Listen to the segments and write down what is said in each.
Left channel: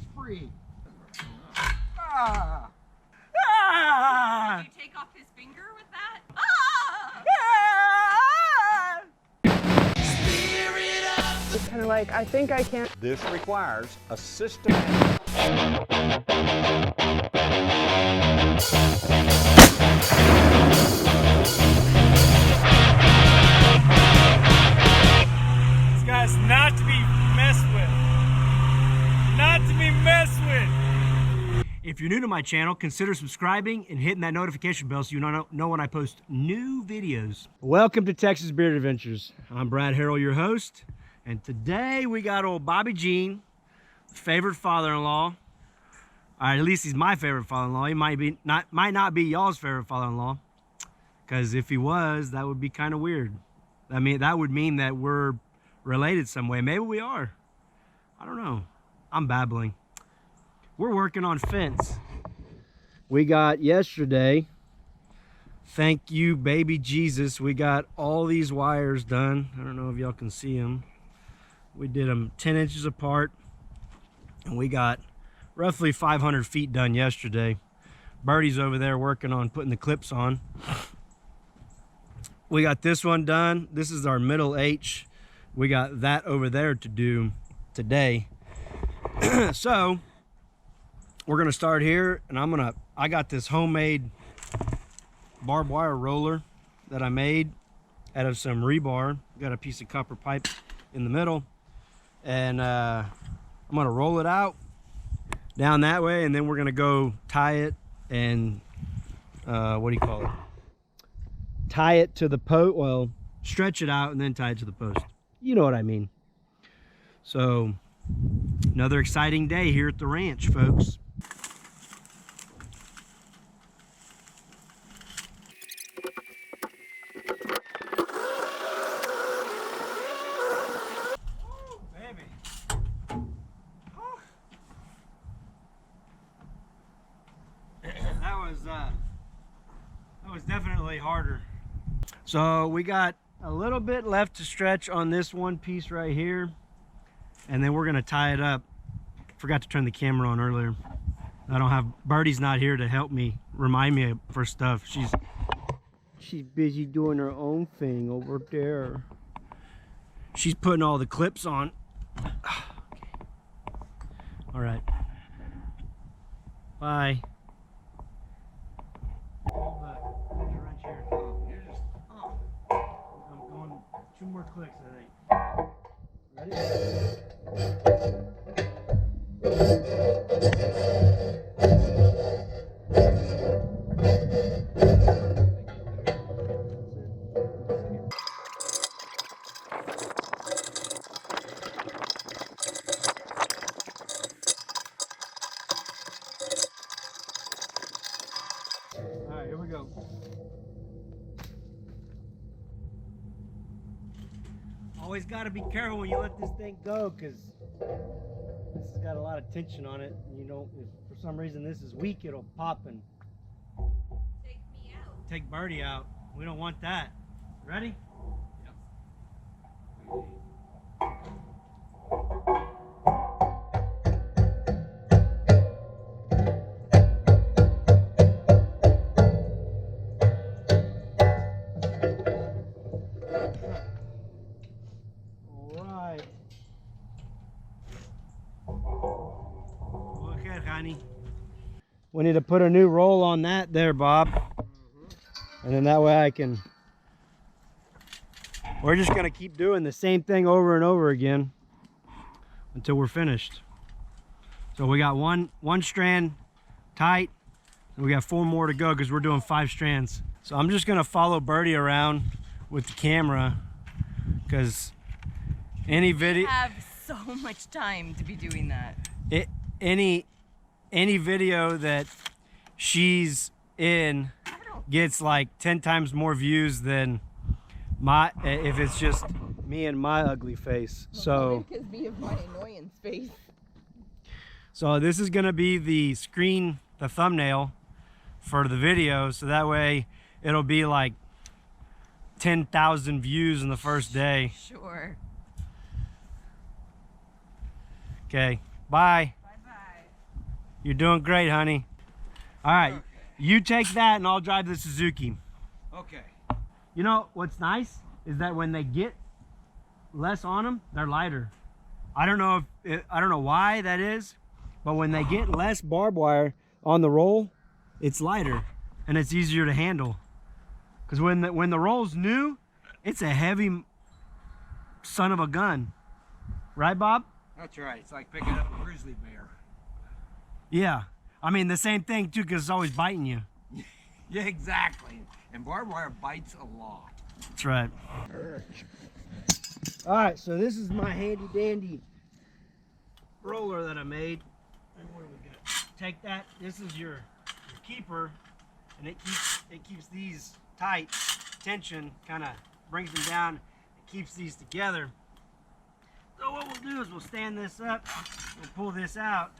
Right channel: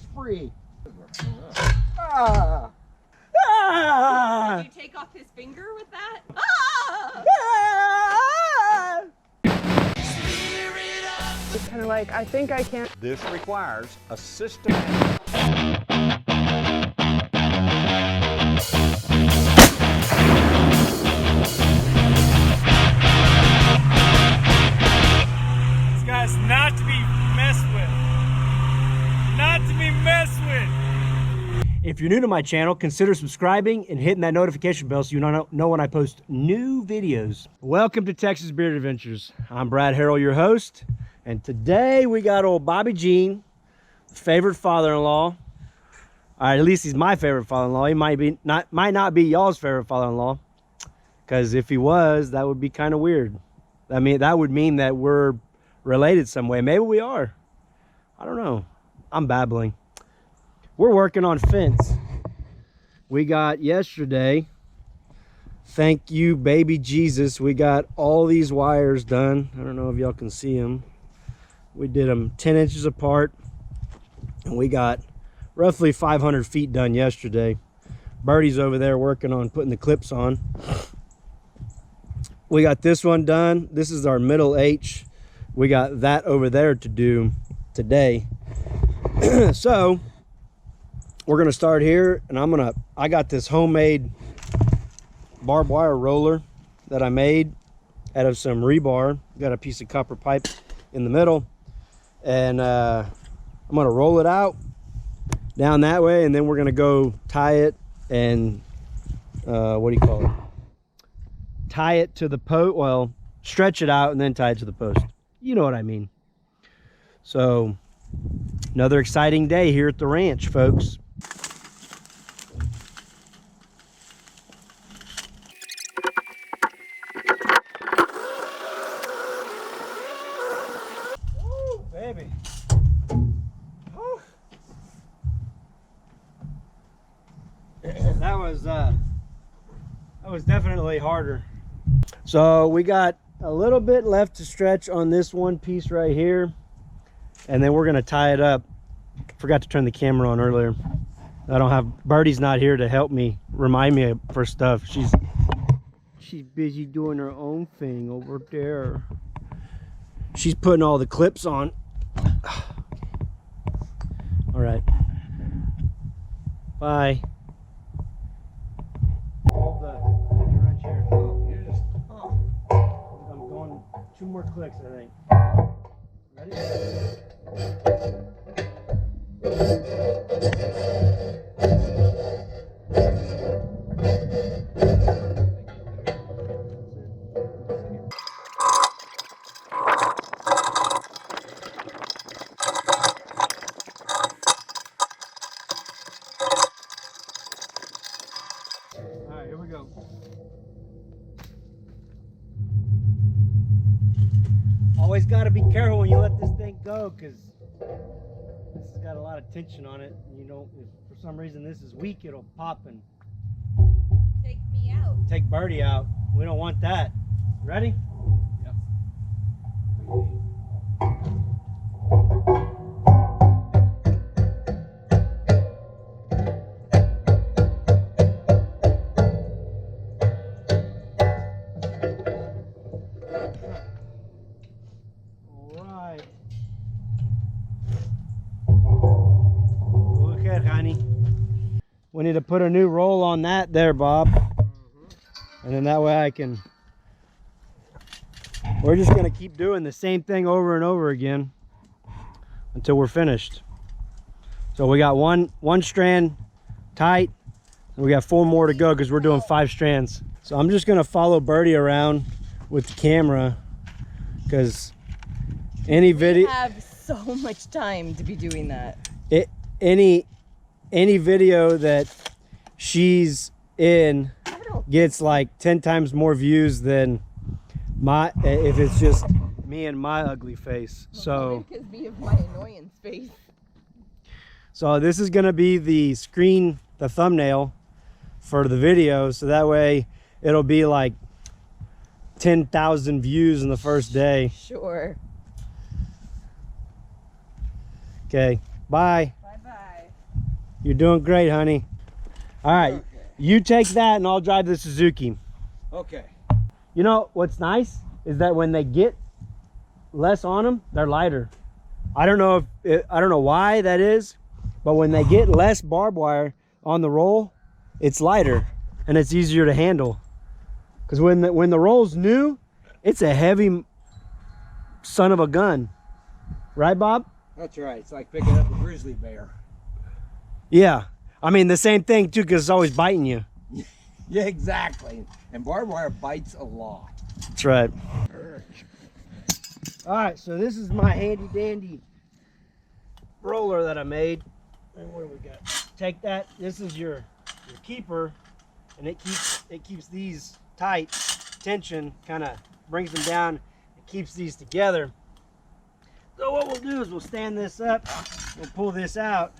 He's free. Ah. Ah. Did you take off his finger with that? It's kind of like, I think I can. This requires a systematic. This guy's not to be messed with. Not to be messed with. If you're new to my channel, consider subscribing and hitting that notification bell so you know when I post new videos. Welcome to Texas Beard Adventures. I'm Brad Harrell, your host, and today we got old Bobby Jean, favorite father-in-law. All right, at least he's my favorite father-in-law. He might not be y'all's favorite father-in-law, because if he was, that would be kind of weird. I mean, that would mean that we're related some way. Maybe we are. I don't know. I'm babbling. We're working on fence. We got yesterday, thank you baby Jesus, we got all these wires done. I don't know if y'all can see them. We did them 10 inches apart, and we got roughly 500 feet done yesterday. Birdie's over there working on putting the clips on. We got this one done. This is our middle H. We got that over there to do today. So we're gonna start here, and I got this homemade barbed wire roller that I made out of some rebar. Got a piece of copper pipe in the middle, and I'm gonna roll it out down that way, and then we're gonna go tie it and what do you call it? Tie it to the post. Well, stretch it out and then tie it to the post. You know what I mean. So another exciting day here at the ranch, folks. Woo, baby. Whew. That was definitely harder. So we got a little bit left to stretch on this one piece right here, and then we're gonna tie it up. Forgot to turn the camera on earlier. I don't have, Birdie's not here to help me, remind me for stuff. She's busy doing her own thing over there. She's putting all the clips on. All right. Bye. Hold the wrench here. Oh, you're just. Oh. I'm going 2 more clicks, I think. Ready? All right, here we go. Always got to be careful when you let this thing go, because this has got a lot of tension on it. You know, if for some reason this is weak, it'll pop and Take me out. take Birdie out. We don't want that. Ready? Yep. All right. Go ahead, honey. We need to put a new roll on that there, Bob. And then that way I can, we're just gonna keep doing the same thing over and over again until we're finished. So we got one strand tight, and we got 4 more to go because we're doing 5 strands. So I'm just gonna follow Birdie around with the camera, because any video, We have so much time to be doing that. any video that she's in gets like 10 times more views than if it's just me and my ugly face. So Because me of my annoyance face. so this is gonna be the thumbnail for the video, so that way it'll be like 10,000 views in the first day. Sure. Okay, bye. Bye-bye. You're doing great, honey. All right, Okay. you take that and I'll drive the Suzuki. Okay. You know what's nice is that when they get less on them, they're lighter. I don't know I don't know why that is, but when they get less barbed wire on the roll, it's lighter and it's easier to handle. Because when the roll's new, it's a heavy son of a gun, right, Bob? That's right. It's like picking up a grizzly bear. Yeah, I mean the same thing too, because it's always biting you. Yeah, exactly. And barbed wire bites a lot. That's right. All right, so this is my handy dandy roller that I made. And what do we got? Take that. This is your keeper, and it keeps these tight. Tension kind of brings them down. It keeps these together. So what we'll do is we'll stand this up. We'll pull this out,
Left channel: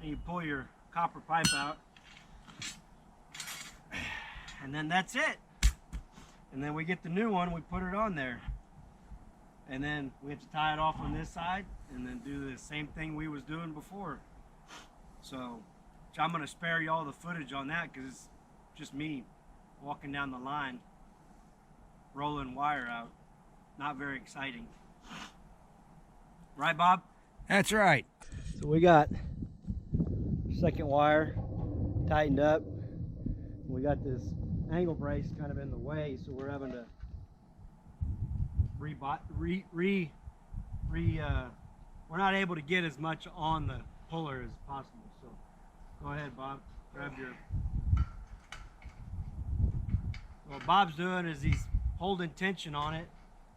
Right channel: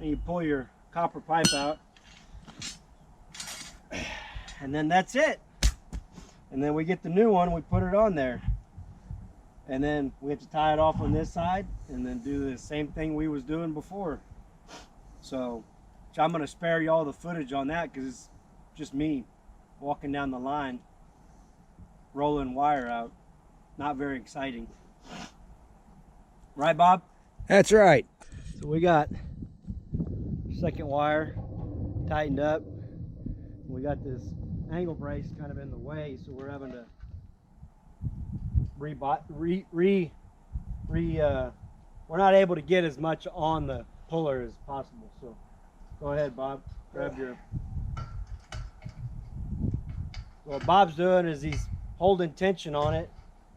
and you pull your copper pipe out, and then that's it. And then we get the new one. We put it on there. And then we have to tie it off on this side and then do the same thing we was doing before. So I'm going to spare y'all the footage on that because it's just me walking down the line, rolling wire out. Not very exciting. Right, Bob? That's right. So we got second wire tightened up. We got this angle brace kind of in the way, so we're having to we're not able to get as much on the puller as possible. So go ahead, Bob, grab your. So what Bob's doing is he's holding tension on it,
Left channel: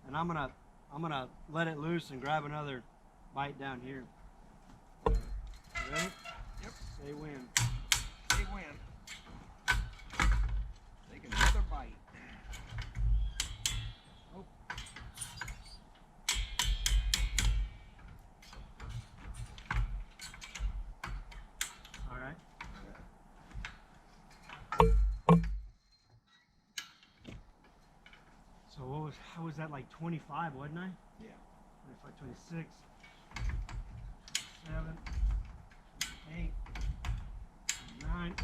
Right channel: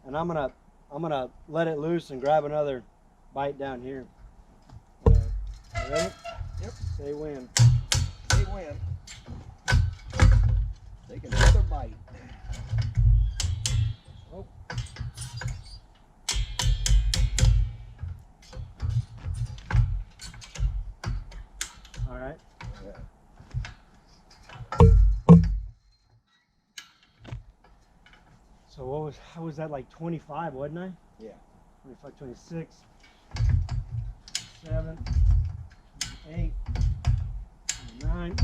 and I'm gonna let it loose and grab another bite down here. You ready? Yep. Say when. They win. Take another bite. Oh. All right. So how was that, like 25, wasn't I? Yeah. 25, 26, 27, 28, 29,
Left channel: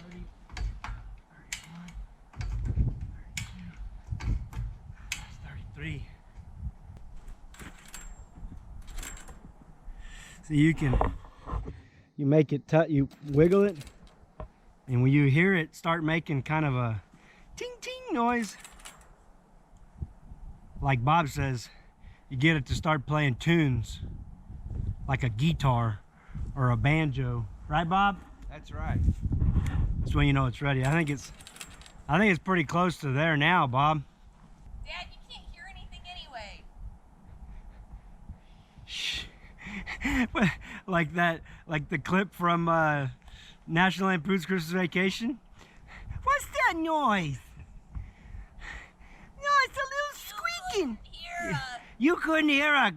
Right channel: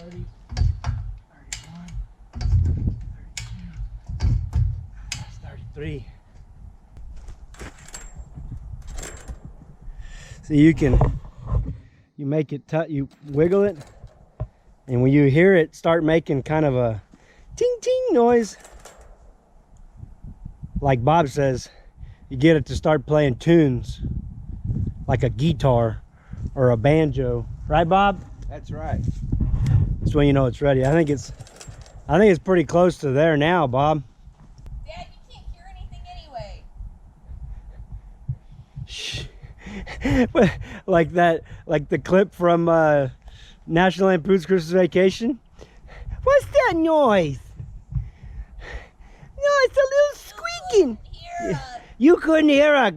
30, 31, 32, that's 33. So you make it, you wiggle it, and when you hear it start making kind of a ting ting noise, like Bob says, you get it to start playing tunes like a guitar or a banjo, right, Bob? That's right. That's when you know it's ready. I think it's pretty close to there now, Bob. Dad, you can't hear anything anyway. Shh. like the clip from National Lampoon's Christmas Vacation. What's that noise? No, it's a little squeaking. Hear us. You couldn't hear a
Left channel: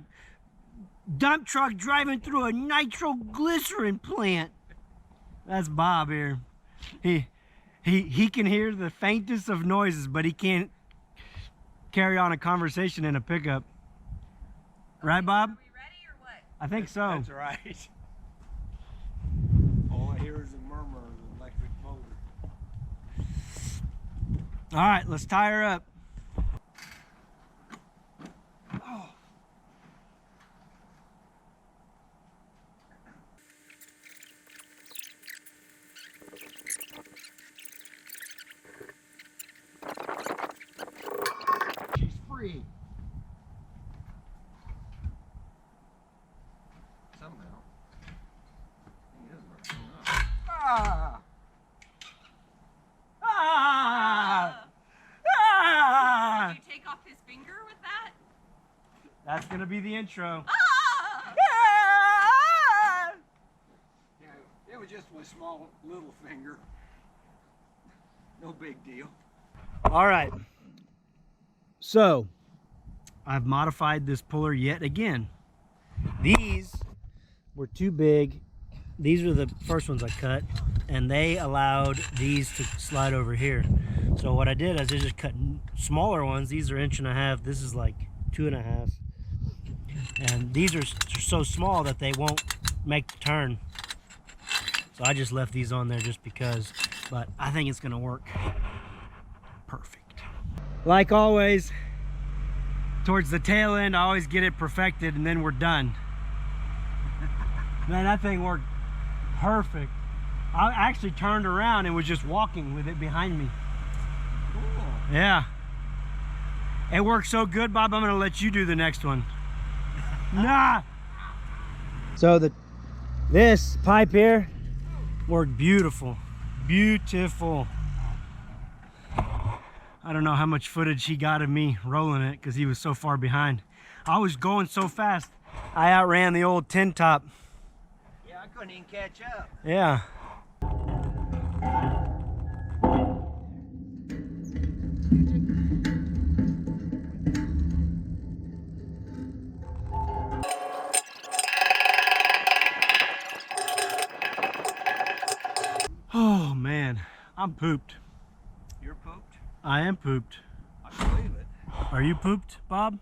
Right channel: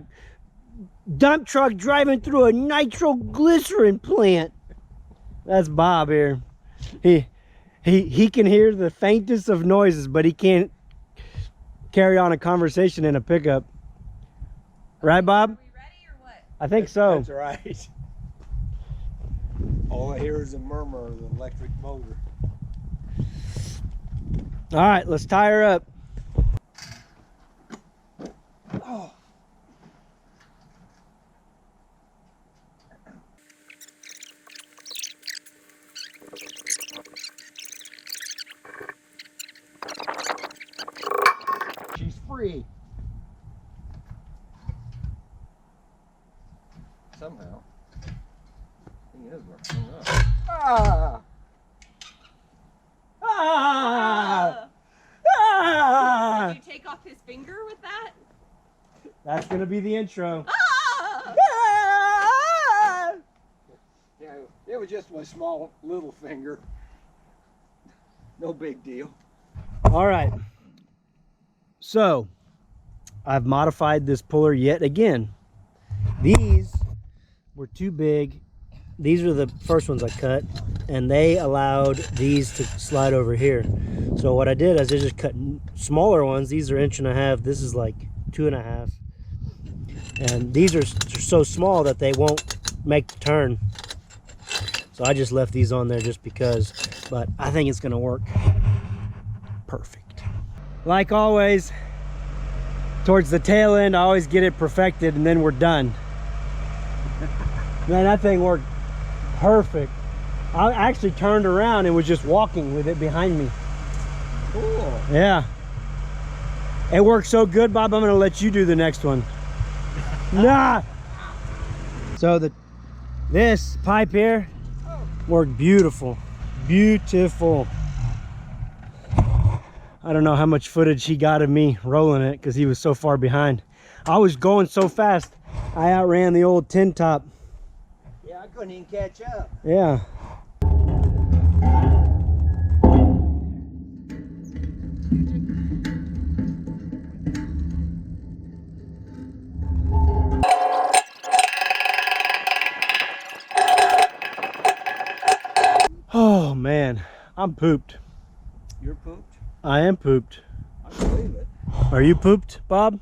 dump truck driving through a nitroglycerin plant. That's Bob here. He can hear the faintest of noises, but he can't carry on a conversation in a pickup. Right, Bob? Are we ready or what? I think so. That's right. All I hear is a murmur of the electric motor. All right, let's tie her up. Oh. She's free. Somehow. Thing is, we're hung up. Ah! Ah! Ah! Did you take off his finger with that? That's gonna be the intro. Ah! Ah! Yeah, it was just my small little finger. No big deal. All right. So, I've modified this puller yet again. These were too big. These are the first ones I cut, and they allowed these to slide over here. So what I did is I just cut smaller ones. These are 1.5 inches. This is like 2.5 inches. And these are so small that they won't make the turn. So I just left these on there just because, but I think it's gonna work perfect. Like always, towards the tail end, I always get it perfected and then we're done. Man, that thing worked perfect. I actually turned around and was just walking with it behind me. Cool. Yeah. It worked so good, Bob, I'm gonna let you do the next one. Nah. So this pipe here worked beautiful. Beautiful. I don't know how much footage he got of me rolling it because he was so far behind. I was going so fast, I outran the old tin top. Yeah, I couldn't even catch up. Yeah. Oh man, I'm pooped. You're pooped? I am pooped. I believe it. Are you pooped, Bob?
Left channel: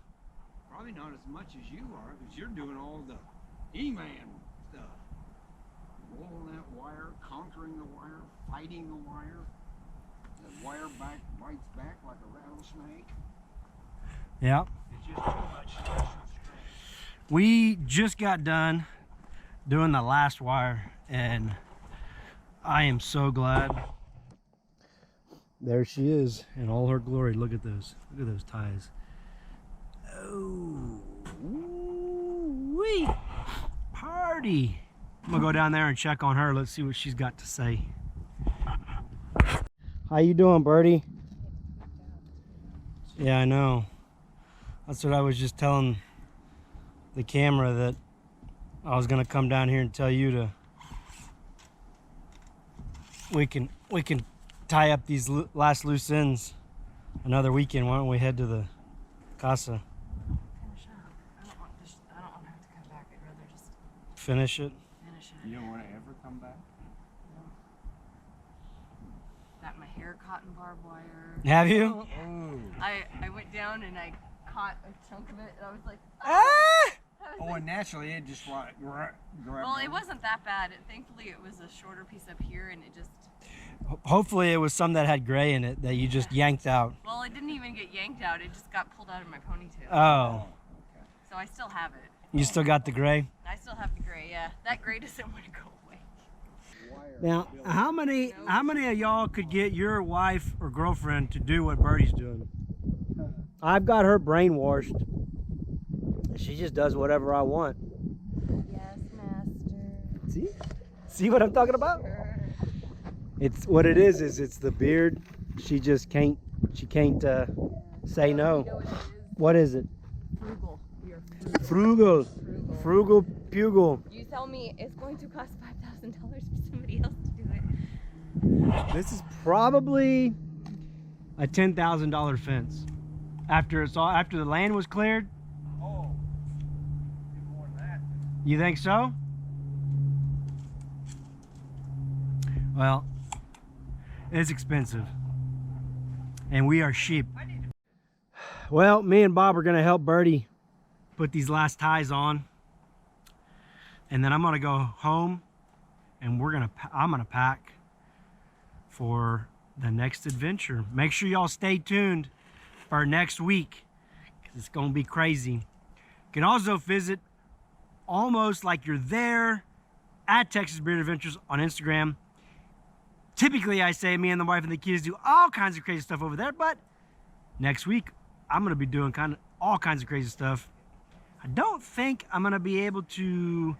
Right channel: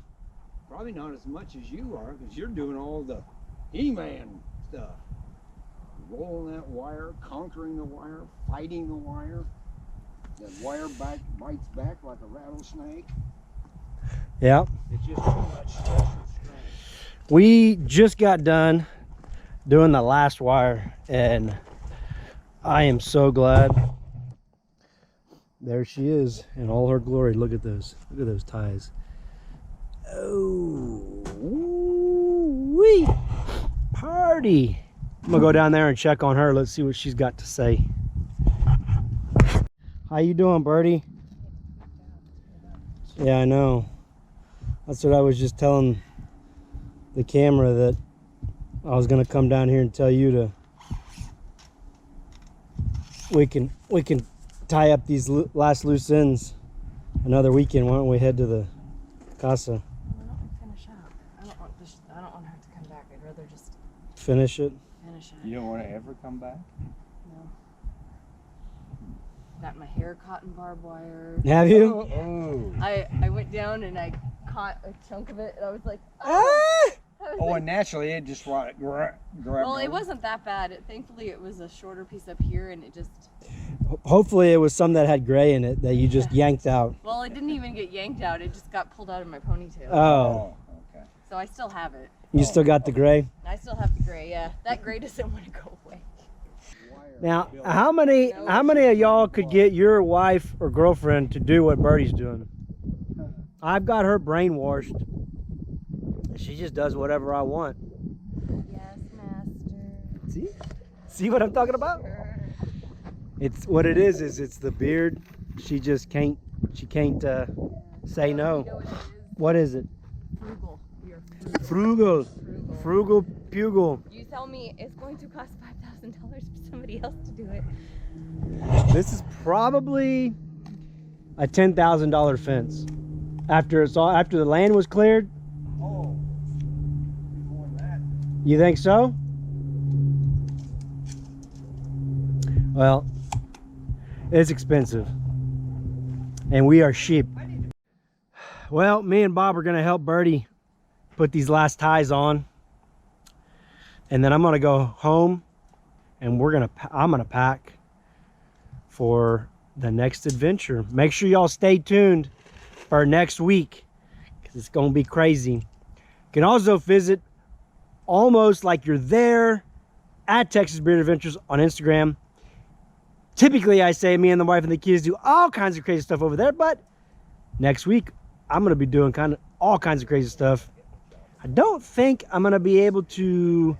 Probably not as much as you are, because you're doing all the He-Man stuff. Rolling that wire, conquering the wire, fighting the wire. The wire bites back like a rattlesnake. Yeah. It's just too much stress and strain. We just got done doing the last wire and I am so glad. There she is in all her glory. Look at those. Look at those ties. Oh, wee party. I'm gonna go down there and check on her. Let's see what she's got to say. How you doing, Birdie? Yeah, I know. That's what I was just telling the camera, that I was gonna come down here and tell you to. We can tie up these last loose ends another weekend. Why don't we head to the casa? I don't want to finish up. I don't want to have to come back. I'd rather just Finish it. finish it. You don't want to ever come back? No. Got my hair caught in barbed wire. Have you? Oh. I went down and I caught a chunk of it and I was like, Ah! I was Oh, like, and naturally it just grabbed. well, it wasn't that bad. Thankfully, it was a shorter piece up here and it just, Hopefully it was some that had gray in it that you just yanked out. well, it didn't even get yanked out. It just got pulled out of my ponytail. Oh, Okay. So I still have it. you still got the gray? I still have the gray, yeah. That gray doesn't want to go away. Now, how many of y'all could get your wife or girlfriend to do what Birdie's doing? I've got her brainwashed. She just does whatever I want. Yes, master. See? See what I'm talking about? It's what it is it's the beard. She just can't say You no. know What is it? Frugal. We are frugal. Frugal. Frugal Pugil. You tell me it's going to cost $5,000 for somebody else to do it. This is probably a $10,000 fence. After the land was cleared. Oh, more than that. You think so? Well, it's expensive. And we are sheep. Well, me and Bob are gonna help Birdie put these last ties on. And then I'm gonna go home and I'm gonna pack for the next adventure. Make sure y'all stay tuned for next week, because it's gonna be crazy. You can also visit almost like you're there at Texas Beard Adventures on Instagram. Typically I say me and the wife and the kids do all kinds of crazy stuff over there, but next week I'm gonna be doing all kinds of crazy stuff. I don't think I'm gonna be able to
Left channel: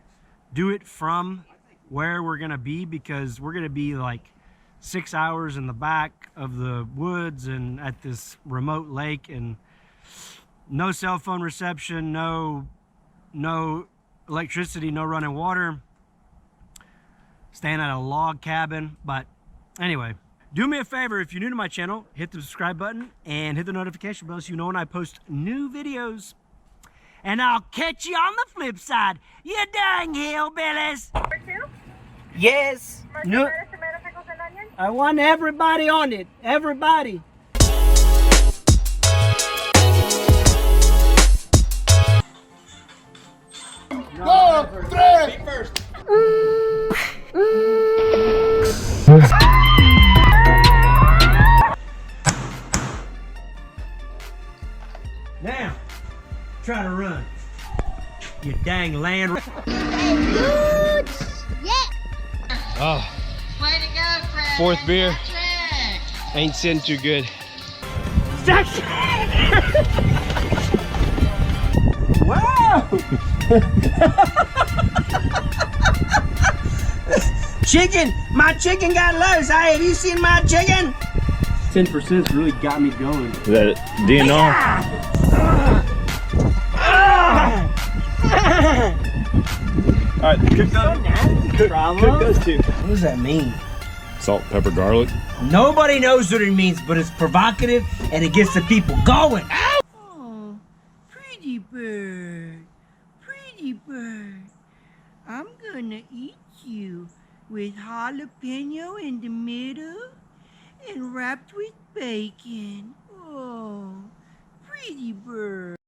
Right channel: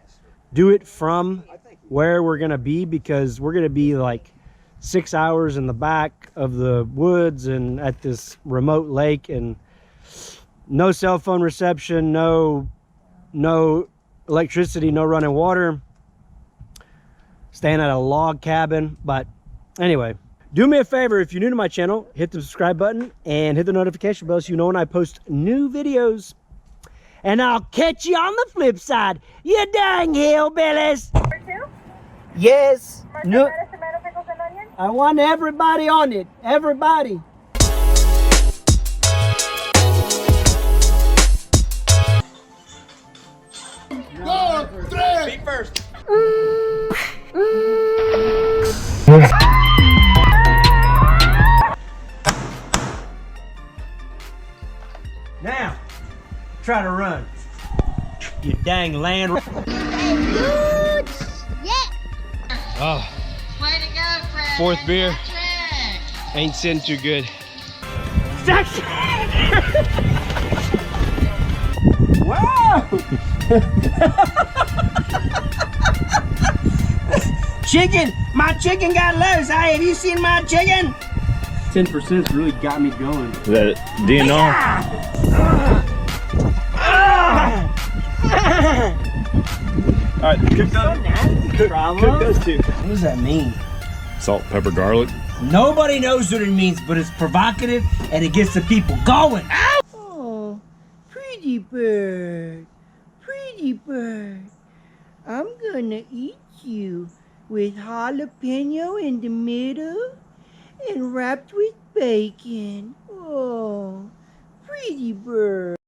do it from where we're gonna be, because we're gonna be like 6 hours in the back of the woods and at this remote lake, and no cell phone reception, no electricity, no running water, staying at a log cabin. But anyway, do me a favor, if you're new to my channel, hit the subscribe button and hit the notification bell so you know when I post new videos. And I'll catch you on the flip side, you dang hillbillies. Yes. No. I want everybody on it. Everybody. Go, tres. dang land. Oh, fourth beer. Ain't sitting too good. Wow! Chicken! My chicken got loose. Hey, have you seen my chicken? 10% really got me going. Is that DNR? All right, cook those two. What does that mean? Salt, pepper, garlic. Nobody knows what it means, but it's provocative and it gets the people going. Oh, pretty bird, pretty bird. I'm gonna eat you with jalapeno in the middle and wrapped with bacon.